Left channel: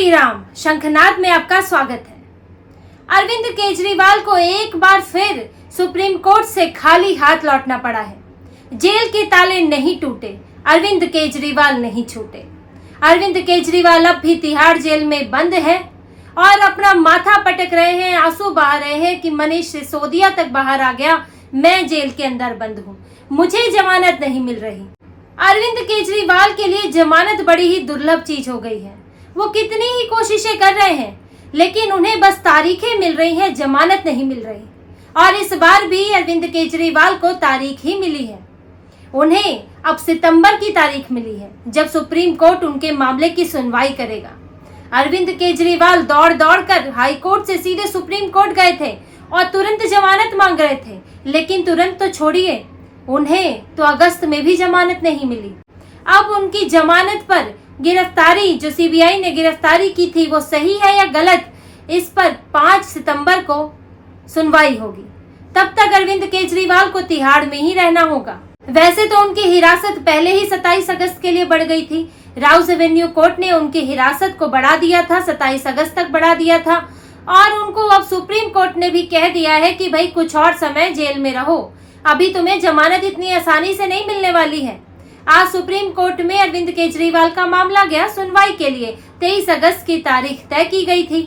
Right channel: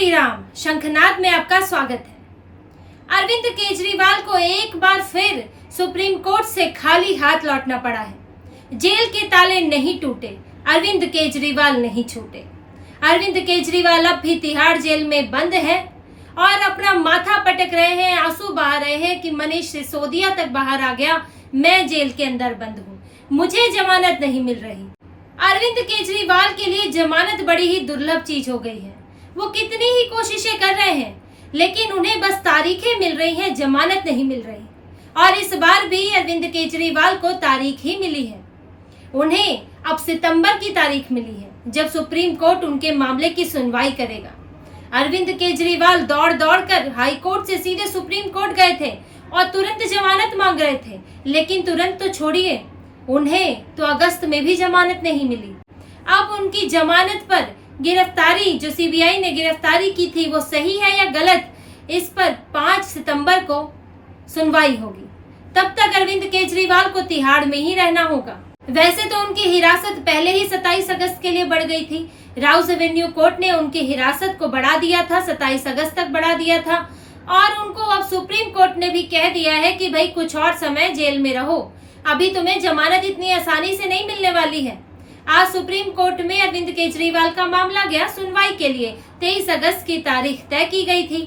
श्री राम। शंखनाद में आपका स्वागत है। अरविंद केजरीवाल को एक बार फिर सुप्रीम कोर्ट से खाली हाथ लौटना पड़ा है। जेल के ताले नहीं टूटे, अरविंद केजरीवाल नहीं छूटे। अरविंद केजरीवाल अब भी तिहाड़ जेल में बंद है और अपना माथा पटक रहे हैं, आंसू बहा रहे हैं कि मनीष सिसोदिया तक बाहर आ गया, मैं जेल के अंदर बंद हूँ, मुझे जमानत नहीं मिल रही। अरविंद केजरीवाल के लिए जमानत बड़ी ही दुर्लभ चीज हो गई है। वो कितनी ही कोशिशें कर रहे हैं, लेकिन उन्हें बस तारीखें मिल रही हैं, जमानत नहीं मिल रही। और इस बार भी अरविंद केजरीवाल को तारीख ही मिली है। उन्हें अब सितंबर की तारीख मिली है, जब सुप्रीम कोर्ट उनके मामले की सुनवाई करेगा। अरविंद केजरीवाल दौड़ दौड़ कर हाई कोर्ट से सीधे सुप्रीम कोर्ट गए थे और तुरंत जमानत मांग रहे थे, लेकिन तुरंत तो छोड़िए, उन्हें तो अगस्त में भी जमानत नहीं मिली। अब उनकी जमानत पर गिरफ्तारी, जो सीबीआई ने गिरफ्तारी की थी, वो सही है या गलत, इस पर 5 सितंबर को सुनवाई होगी। तब तक अरविंद केजरीवाल को तिहाड़ में ही रहना होगा। वैसे तो उनकी हिरासत पहले ही 27 अगस्त के लिए बढ़ गई थी। राउज एवेन्यू कोर्ट ने उनकी हिरासत को बढ़ा दिया था, 27 अगस्त तक बढ़ा दिया था। और उनको अब सुप्रीम कोर्ट ने भी कह दिया है कि भाई कुछ और समय जेल में रहो, अभी तुम्हें जमानत इतनी आसानी से नहीं मिलने वाली है। आज सुप्रीम कोर्ट में अरविंद केजरीवाल का मामला गया सुनवाई के लिए। 23 अगस्त की तारीख तय की गई थी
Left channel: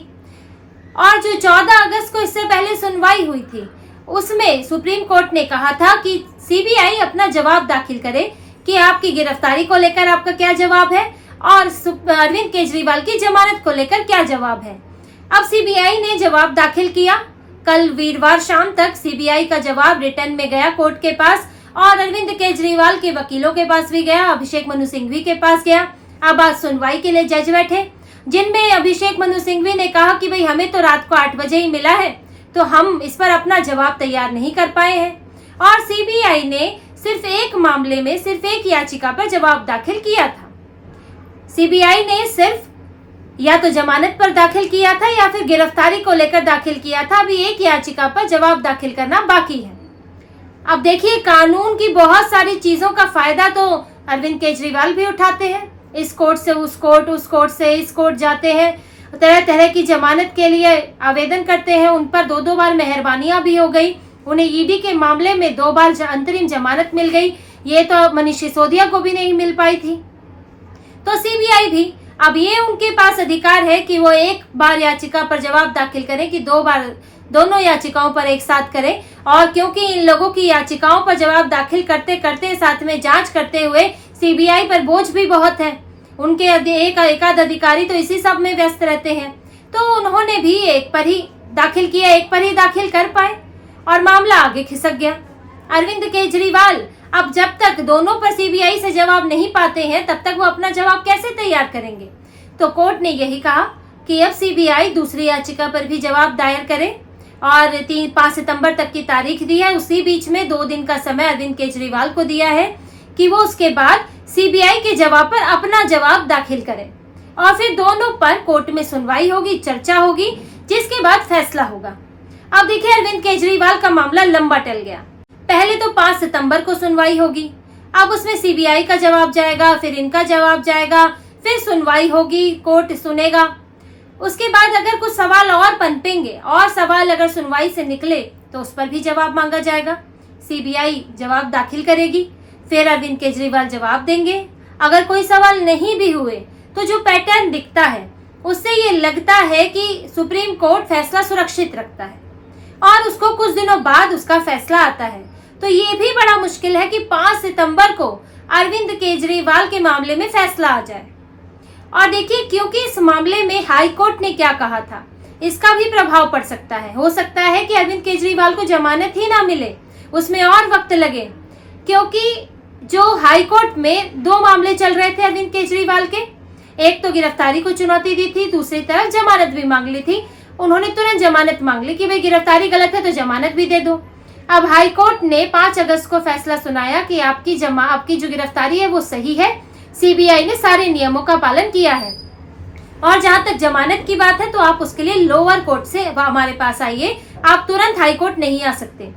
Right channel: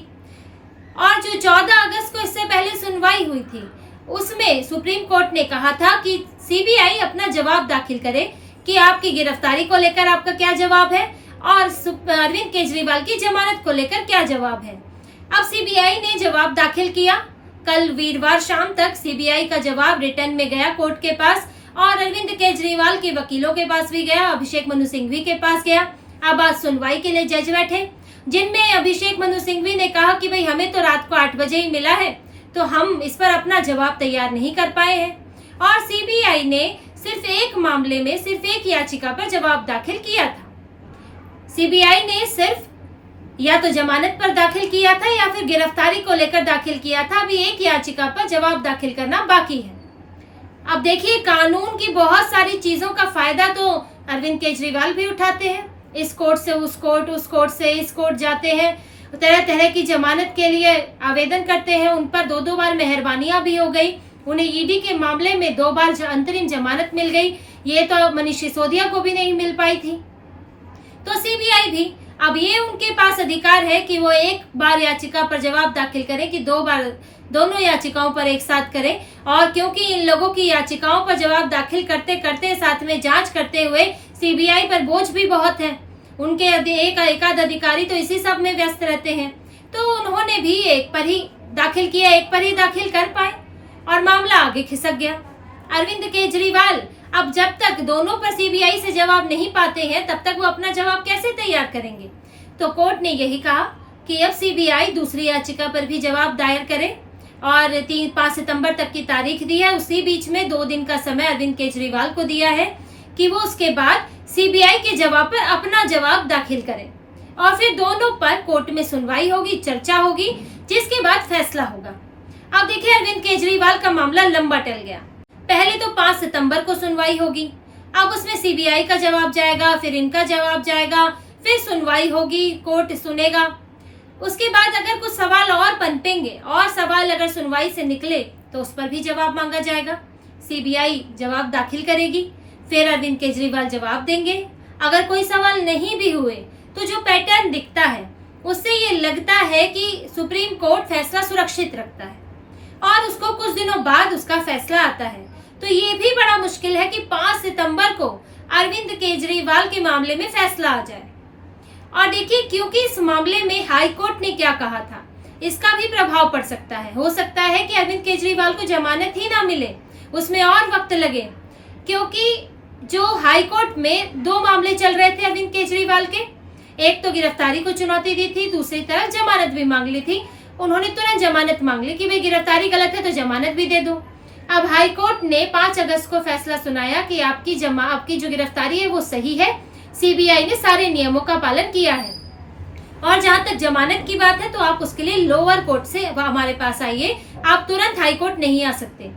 और जो 14 अगस्त को इससे पहले सुनवाई हुई थी, उसमें सुप्रीम कोर्ट ने कहा था कि सीबीआई अपना जवाब दाखिल करे कि आपकी गिरफ्तारी को लेकर आपका क्या जवाब है और अरविंद केजरीवाल की जमानत को लेकर क्या जवाब है। अब सीबीआई ने जवाब दाखिल किया। कल वीरवार शाम तक सीबीआई का जवाब रिटर्न में गया कोर्ट के पास और अरविंद केजरीवाल के वकीलों के पास भी गया, अभिषेक मनु सिंघवी के पास गया। अब आज सुनवाई के लिए जज बैठे, जिनमें अभिषेक मनु सिंघवी ने कहा कि भाई हमें तो रात को 8 बजे ही मिला है, तो हम इस पर अपना जवाब तैयार नहीं कर पाए हैं। और सीबीआई ने सिर्फ एक मामले में सिर्फ एक याचिका पर जवाब दाखिल किया था। सीबीआई ने सिर्फ या तो जमानत पर दाखिल किया था या फिर गिरफ्तारी को लेकर दाखिल किया था। अभी एक याचिका पर जवाब दाखिल करना बाकी है। अब देखिए, कानून की बहुत सारी चीजों का फायदा तो अरविंद केजरीवाल भी उठाते हैं। इस कोर्ट से उस कोर्ट, उस कोर्ट से इस कोर्ट जाते हैं, तरह तरह की जमानत के लिए आवेदन करते हैं। उन पर 2-2 बार मेहरबानियां भी हो गई। उन्हें ईडी के मामले में 2 बार अंतरिम जमानत मिल गई। ये तो मनीष सिसोदिया को भी नहीं मिल पाई थी। तो सीबीआई भी अब ये उनके पास अधिकार है कि वो एक बार याचिका पर जवाब दाखिल करें कि 2 बार दोनों याचिकाओं पर एक साथ करें। और क्योंकि इन लोगों की याचिकाओं पर जवाब दाखिल करते करते साथ में जांच करते हुए सीबीआई पर बोझ भी बहुत है, उनके एकाध अधिकारी तो इसी सब में व्यस्त रहते हैं, तो उन्होंने भी एक पर ही दाखिल किया, एक पर ही दाखिल कर पाए और मामला आगे खिसक गया। अरविंद केजरीवाल अब जब तक दोनों पर सीबीआई से जवाब नहीं पाते हैं, तब तक वो अपना जवाब कैसे तैयार करेंगे। तो कोर्ट ने यही कहा कि अब सीबीआई दूसरी याचिका पर भी जवाब दायर करे और 5 सितंबर तक की तारीख दी है। उसी बीच में 2 दिन का समय अरविंद केजरीवाल को दिया है कि वो उसके बाद सीबीआई के जवाब पर अपना जवाब दाखिल करें और फिर दोनों पर कोर्ट में सुनवाई होगी, चर्चा होगी, जिसके बाद फैसला होगा। अब देखिए, अरविंद केजरीवाल का मामला लंबा टल गया। पहले तो 5 सितंबर को सुनवाई होगी, अब उसमें सीबीआई का जवाब जाएगा, फिर इनका जवाब जाएगा, फिर सुनवाई होगी, कोर्ट सुनेगा। उसके बाद अगर कुछ सवाल और पनपेंगे और सवाल अगर सुनवाई से निकले तो उस पर भी जवाब मांगा जाएगा। सीबीआई जवाब दाखिल करेगी, फिर अरविंद केजरीवाल जवाब देंगे। अगर कोई सवाल नहीं भी हुए तो जो पैटर्न दिखता है उससे ये लगता है कि सुप्रीम कोर्ट फैसला सुरक्षित रखता है और उसको कुछ दिनों बाद उसका फैसला आता है। तो ये भी बड़ा मुश्किल है कि 5 सितंबर को अरविंद केजरीवाल के मामले में फैसला आ जाए। और देखिए, क्योंकि इस मामले में हाई कोर्ट ने क्या कहा था, इसका भी प्रभाव पड़ सकता है। हो सकता है कि अरविंद केजरीवाल को जमानत ही ना मिले, उसमें और वक्त लगे, क्योंकि जो हाई कोर्ट में 2 मामले चल रहे थे अरविंद केजरीवाल के। एक तो गिरफ्तारी को चुनौती दी थी, दूसरी तरफ जमानत भी मांग ली थी। उन्होंने तुरंत जमानत मांग ली कि भाई गिरफ्तारी गलत है तो जमानत भी दे दो। अब हाई कोर्ट ने 5 अगस्त को फैसला सुनाया कि आपकी जो गिरफ्तारी है वो सही है, सीबीआई ने सारे नियमों का पालन किया है। और जहां तक जमानत की बात है तो आप उसके लिए लोअर कोर्ट से हमारे पास आइए, आप तुरंत हाई कोर्ट नहीं आ सकते।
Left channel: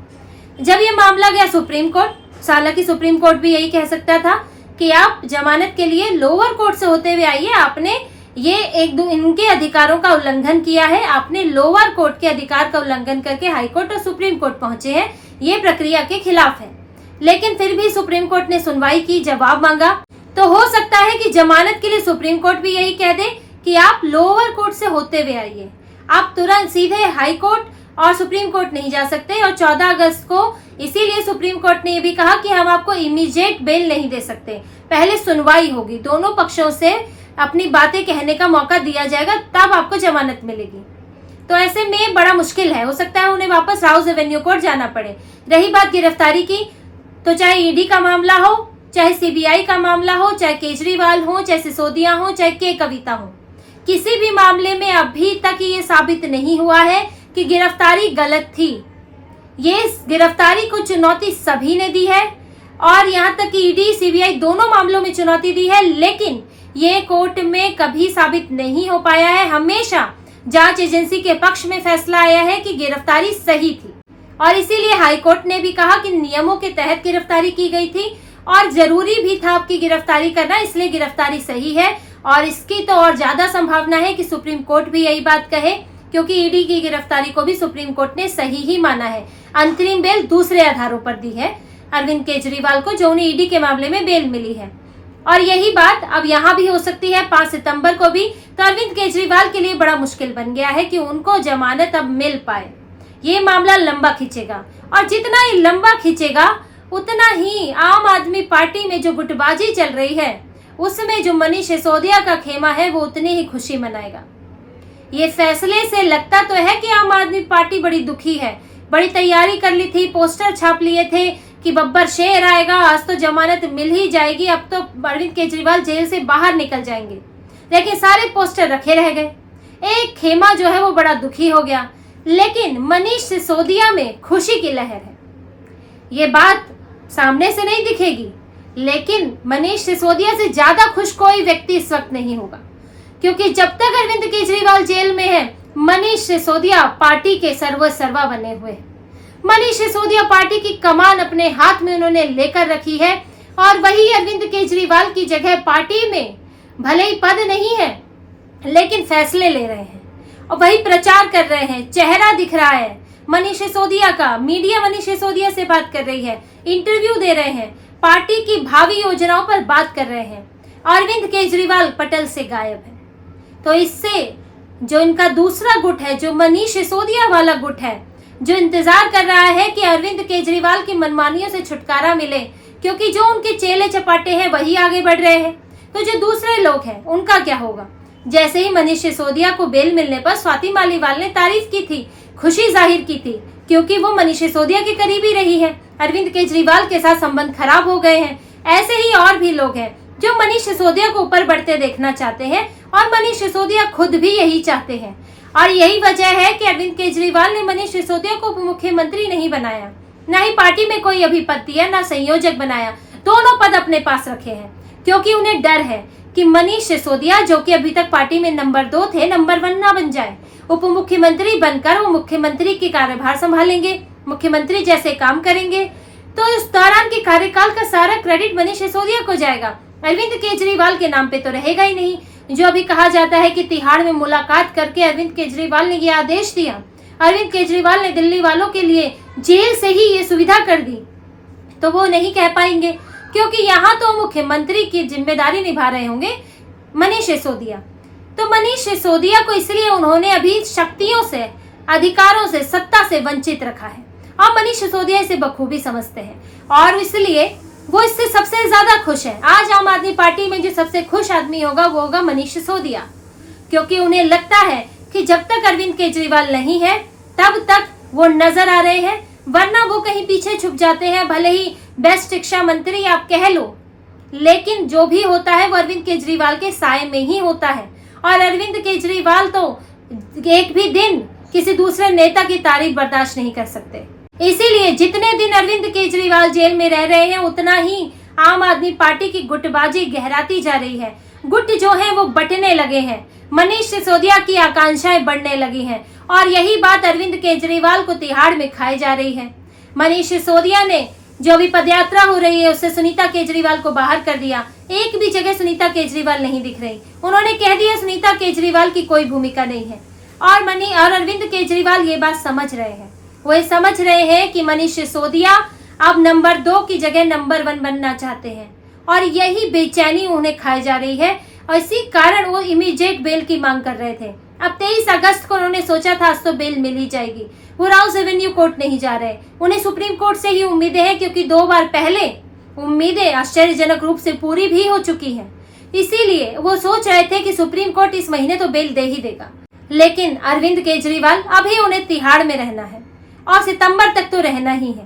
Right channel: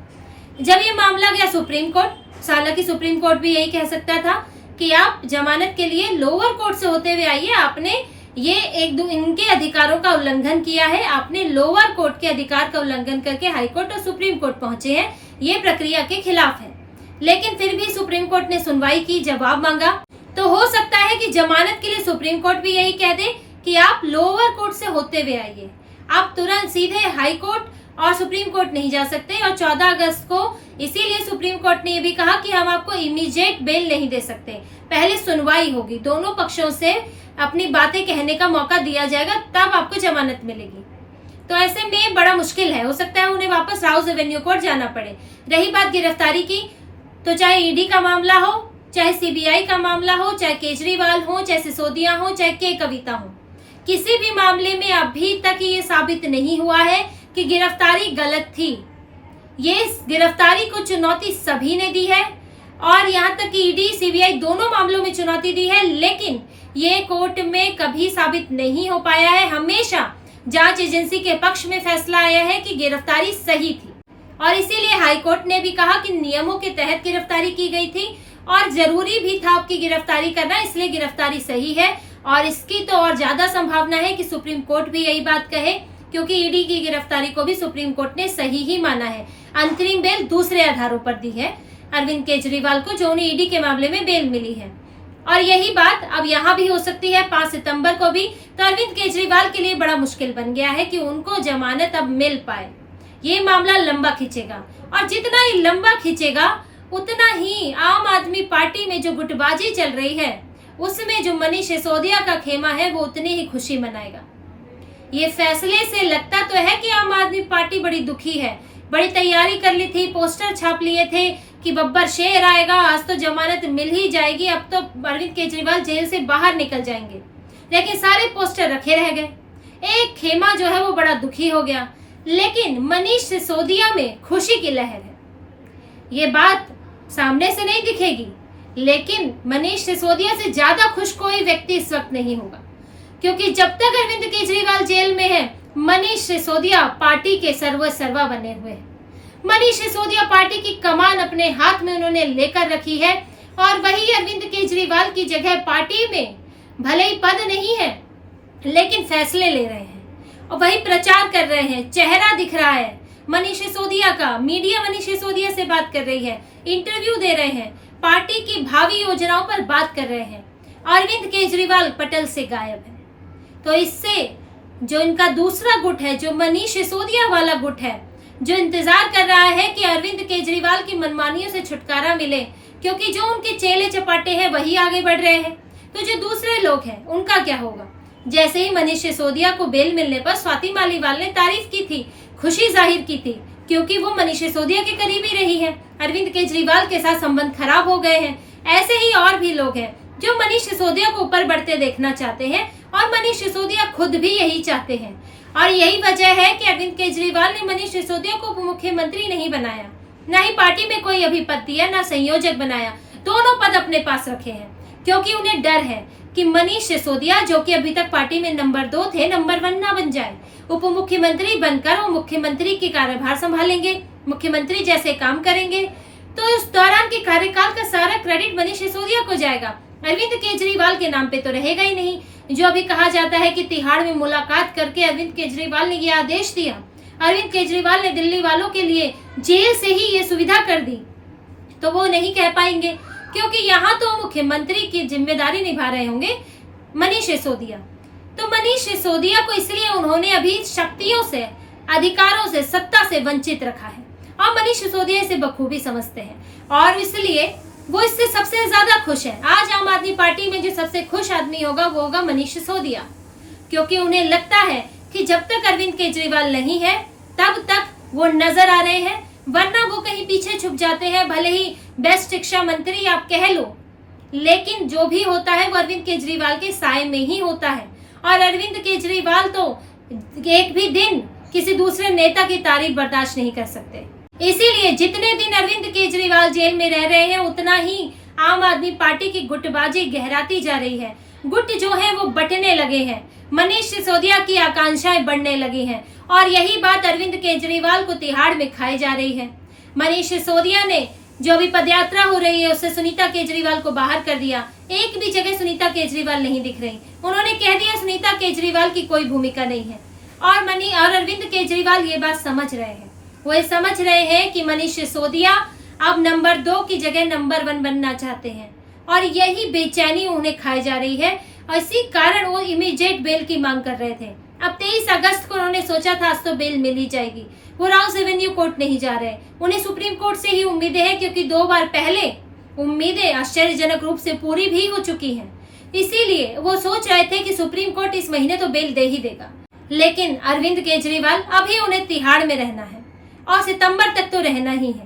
जब ये मामला गया सुप्रीम कोर्ट, हालांकि सुप्रीम कोर्ट भी यही कह सकता था कि आप जमानत के लिए लोअर कोर्ट से होते हुए आइए, आपने ये इनके अधिकारों का उल्लंघन किया है। आपने लोअर कोर्ट के अधिकार का उल्लंघन करके हाई कोर्ट और सुप्रीम कोर्ट पहुंचे हैं, ये प्रक्रिया के खिलाफ है। लेकिन फिर भी सुप्रीम कोर्ट ने सुनवाई की, जवाब मांगा। तो हो सकता है कि जमानत के लिए सुप्रीम कोर्ट भी यही कह दे कि आप लोअर कोर्ट से होते हुए आइए, आप तुरंत सीधे हाई कोर्ट और सुप्रीम कोर्ट नहीं जा सकते। और 14 अगस्त को इसीलिए सुप्रीम कोर्ट ने ये भी कहा कि हम आपको इमीडिएट बेल नहीं दे सकते, पहले सुनवाई होगी, दोनों पक्षों से अपनी बातें कहने का मौका दिया जाएगा, तब आपको जमानत मिलेगी। तो ऐसे में बड़ा मुश्किल है, हो सकता है उन्हें वापस राउज एवेन्यू कोर्ट जाना पड़े। रही बात गिरफ्तारी की, तो चाहे ईडी का मामला हो, चाहे सीबीआई का मामला हो, चाहे केजरीवाल हो, चाहे सिसोदिया हो, चाहे के कविता हो, किसी भी मामले में अभी तक ये साबित नहीं हुआ है कि गिरफ्तारी गलत थी। ये गिरफ्तारी को चुनौती सभी ने दी है और यहाँ तक कि ईडी सीबीआई दोनों मामलों में चुनौती दी है, लेकिन ये कोर्ट में कभी साबित नहीं हो पाया है। हमेशा जांच एजेंसी के पक्ष में फैसला आया है कि गिरफ्तारी सही थी और इसीलिए हाई कोर्ट ने भी कहा कि नियमों के तहत गिरफ्तारी की गई थी और जरूरी भी था आपकी गिरफ्तारी करना, इसलिए गिरफ्तारी सही है। और इसकी तो और ज्यादा संभावना है कि सुप्रीम कोर्ट भी यही बात कहे, क्योंकि ईडी की गिरफ्तारी को भी सुप्रीम कोर्ट ने सही ही माना है। अंतरिम बेल दूसरे आधारों पर दी है अरविंद केजरीवाल को, जो उन्हें ईडी के मामले में बेल मिली है। और यही बात अब यहाँ भी हो सकती है 5 सितंबर को भी। तो अरविंद केजरीवाल के लिए बड़ा मुश्किल बन गया है कि उनको जमानत अब मिल पाए। ये मामला लंबा खींचेगा और जितना ही लंबा खींचेगा उतना ही आम आदमी पार्टी में जो गुटबाजी चल रही है उसमें जो मनीष सिसोदिया का खेमा है वो उतनी ही खुशी मनाएगा। ये फैसले से लगता तो है कि आम आदमी पार्टी बड़ी दुखी है, बड़ी तैयारी कर ली थी, पोस्टर छाप लिए थे कि बब्बर शेर आएगा, आज तो जमानत मिल ही जाएगी, अब तो अरविंद केजरीवाल जेल से बाहर निकल जाएंगे। लेकिन सारे पोस्टर रखे रह गए, एक खेमा जो है वो बड़ा दुखी हो गया। लेकिन मनीष सिसोदिया में खुशी की लहर है। ये बात सामने से नहीं दिखेगी, लेकिन मनीष सिसोदिया से ज्यादा खुश कोई व्यक्ति इस वक्त नहीं होगा, क्योंकि जब तक अरविंद केजरीवाल जेल में है मनीष सिसोदिया पार्टी के सर्वा बने हुए हैं। मनीष सिसोदिया पार्टी की कमान अपने हाथ में उन्होंने लेकर रखी है और वही अरविंद केजरीवाल की जगह पार्टी में भले ही पद नहीं है लेकिन फैसले ले रहे हैं और वही प्रचार कर रहे हैं। चेहरा दिख रहा है मनीष सिसोदिया का, मीडिया मनीष सिसोदिया से बात कर रही है, इंटरव्यू दे रहे हैं, पार्टी की भावी योजनाओं पर बात कर रहे हैं। अरविंद केजरीवाल पटल से गायब है। तो इससे जो इनका दूसरा गुट है, जो मनीष सिसोदिया वाला गुट है, जो इंतजार कर रहा है कि अरविंद केजरीवाल की मनमानियों से छुटकारा मिले, क्योंकि जो उनके चेले चपाटे हैं वही आगे बढ़ रहे हैं, तो जो दूसरे लोग हैं उनका क्या होगा। जैसे ही मनीष सिसोदिया को बेल मिलने पर स्वाति मालीवाल ने तारीफ की थी, खुशी जाहिर की थी, क्योंकि वो मनीष सिसोदिया के करीबी रही है, अरविंद केजरीवाल के साथ संबंध खराब हो गए हैं। ऐसे ही और भी लोग हैं जो मनीष सिसोदिया को ऊपर बढ़ते देखना चाहते हैं और मनीष सिसोदिया खुद भी यही चाहते हैं। और यही वजह है कि अरविंद केजरीवाल ने मनीष सिसोदिया को उप मुख्यमंत्री नहीं बनाया, न ही पार्टी में कोई अभी पद दिया, न संयोजक बनाया, दोनों पद अपने पास रखे हैं, क्योंकि उन्हें डर है कि मनीष सिसोदिया, जो कि अभी तक पार्टी में नंबर 2 थे, नंबर 1 ना बन जाए। उप मुख्यमंत्री बनकर वो मुख्यमंत्री की कार्यभार संभालेंगे, मुख्यमंत्री जैसे काम करेंगे, तो इस दौरान के कार्यकाल का सारा क्रेडिट मनीष सिसोदिया को जाएगा, अरविंद केजरीवाल के नाम पे तो रहेगा ही नहीं। जो अभी कहा जाता है कि तिहाड़ में मुलाकात करके अरविंद केजरीवाल ने ये आदेश दिया, अरविंद केजरीवाल ने दिल्ली वालों के लिए जेल से ही ये सुविधा कर दी, तो वो नहीं कह पाएंगे, क्योंकि यहाँ तो मुख्यमंत्री की जिम्मेदारी निभा रहे होंगे मनीष सिसोदिया। तो मनीष सिसोदिया को इसलिए उन्होंने अभी शक्तियों से, अधिकारों से, सत्ता से वंचित रखा है और मनीष सिसोदिया इसे बखूबी समझते हैं और इसलिए वो इससे सबसे ज्यादा खुश है। आज आम आदमी पार्टी में जो सबसे खुश आदमी होगा वो होगा मनीष सिसोदिया, क्योंकि उन्हें लगता है कि जब तक अरविंद केजरीवाल नहीं है तब तक वो नजर आ रहे हैं, वरना वो कहीं पीछे छुप जाते हैं। भले ही बेस्ट शिक्षा मंत्री आप कह लो, लेकिन जो भी होता है वो अरविंद केजरीवाल के साए में ही होता है। और अरविंद केजरीवाल तो एक भी दिन किसी दूसरे नेता की तारीफ बर्दाश्त नहीं कर सकते। इसीलिए जितने दिन अरविंद केजरीवाल जेल में रह रहे हैं उतना ही आम आदमी पार्टी की गुटबाजी गहराती जा रही है। गुट जो है वो बंटने लगे हैं, मनीष सिसोदिया की आकांक्षाएं बढ़ने लगी हैं और यही बात अरविंद केजरीवाल को तिहाड़ में खाई जा रही है। मनीष सिसोदिया ने जो अभी पदयात्रा हो रही है उससे सुनीता केजरीवाल को बाहर कर दिया। एक भी जगह सुनीता केजरीवाल नहीं दिख रही। उन्होंने कह दिया सुनीता केजरीवाल की कोई भूमिका नहीं है। और अरविंद केजरीवाल ये बात समझ रहे हैं। वो ये समझ रहे हैं कि मनीष सिसोदिया अब नंबर 2 की जगह नंबर 1 बनना चाहते हैं और यही बेचैनी उन्हें खाई जा रही है और इसी कारण वो इमीडिएट बेल की मांग कर रहे थे। अब 23 अगस्त को उन्होंने सोचा था आज तो बेल मिल ही जाएगी। वो राउस एवेन्यू कोर्ट नहीं जा रहे। उन्हें सुप्रीम कोर्ट से ही उम्मीदें हैं, क्योंकि 2 बार पहले उम्मीदें आश्चर्यजनक रूप से पूरी भी हो चुकी हैं। इसीलिए वो सोच रहे थे कि सुप्रीम कोर्ट इस महीने तो बेल दे ही देगा। लेकिन अरविंद केजरीवाल अभी उन्हें तिहाड़ में रहना है और सितंबर तक तो रहना ही है।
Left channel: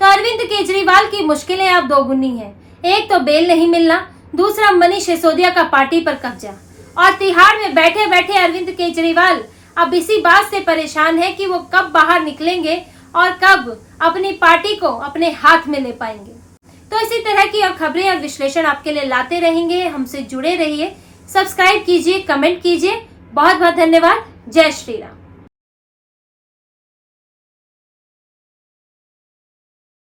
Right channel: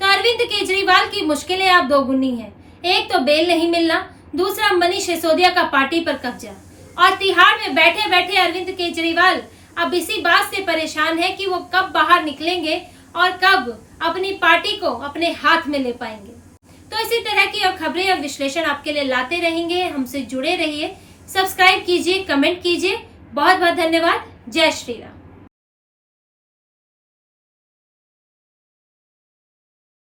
तो अरविंद केजरीवाल की मुश्किलें अब दोगुनी हैं। एक तो बेल नहीं मिलना, दूसरा मनीष सिसोदिया का पार्टी पर कब्जा और तिहाड़ में बैठे बैठे अरविंद केजरीवाल अब इसी बात से परेशान है कि वो कब बाहर निकलेंगे और कब अपनी पार्टी को अपने हाथ में ले पाएंगे। तो इसी तरह की और खबरें और विश्लेषण आपके लिए लाते रहेंगे। हमसे जुड़े रहिए, सब्सक्राइब कीजिए, कमेंट कीजिए। बहुत बहुत धन्यवाद। जय श्री राम।